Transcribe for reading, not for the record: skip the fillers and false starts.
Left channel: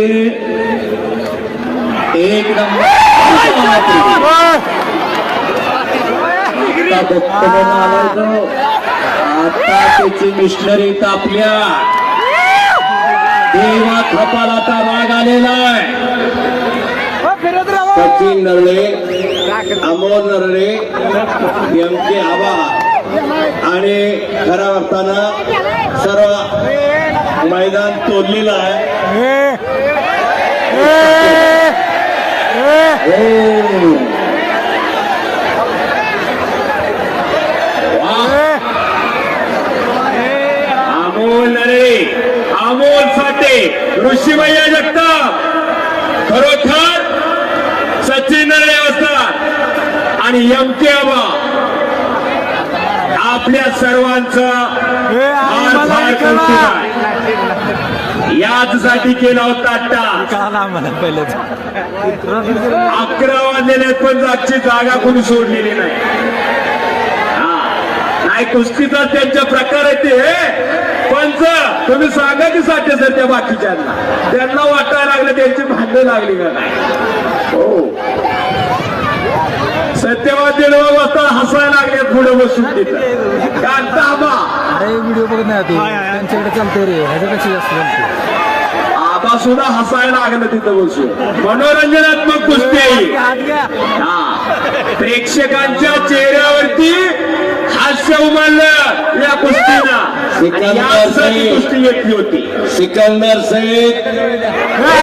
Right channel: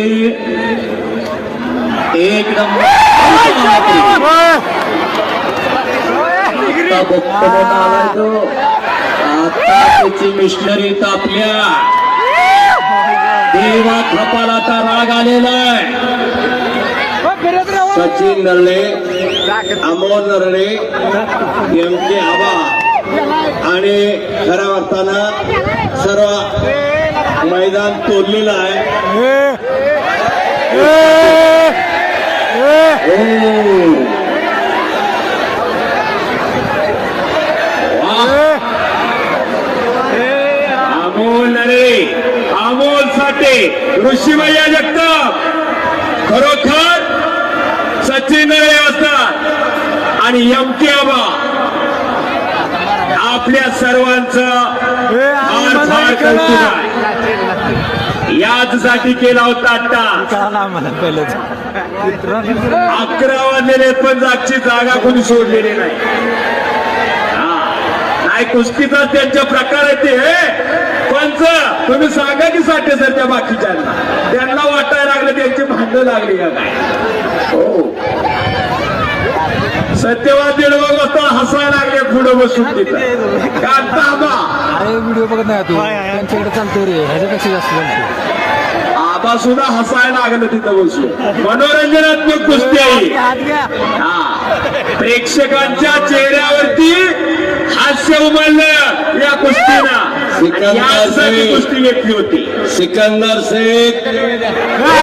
एक नंबर आता त्याची मिशनरी तापल्या देवा कपाळाचा राग आलेला आहे. सचिन नरळे, अमोल नरळे यांचे आभार आणि खऱ्या अर्थानं सर्व मैदान तोडलेलं आहे. अमोल नरे, अमोल साठे, ऋषीमय्या जगताप, खरोखर सचिन नरे असतात आणि एमके आबा आपल्या सर्वांचं याचसाठी केला होता. आता पहिलं 11 वाजलेले पण जागची जागा कोणी सोडलेली नाही. काय कुस्तीचा त्यांच्या प्रकार आहे ते पंच तुम्ही सांगा की साठी सध्या बाकीच्यांना त्यांना वाटायला लागलं त्यांची भांडणं लागली का काय. हो सत्यवाद दीड वाजता हसायला लागले पुढे बसून तिथं. अरे व्हिडिओ बघत नाही तू त्यांच्याकडे चालतंय रे, ह्याच्यापेक्षा जास्त चालते. आबा सुद्धा हसायला लागलं तिथं बसून. मनोरंजनात्मक कुस्ती आहे. प्रेक्षकांच्या चेहऱ्यावरती हास्य उमललं या कुस्तीला. यासाठी कुस्ती घेतली होती. सिकंदर शेख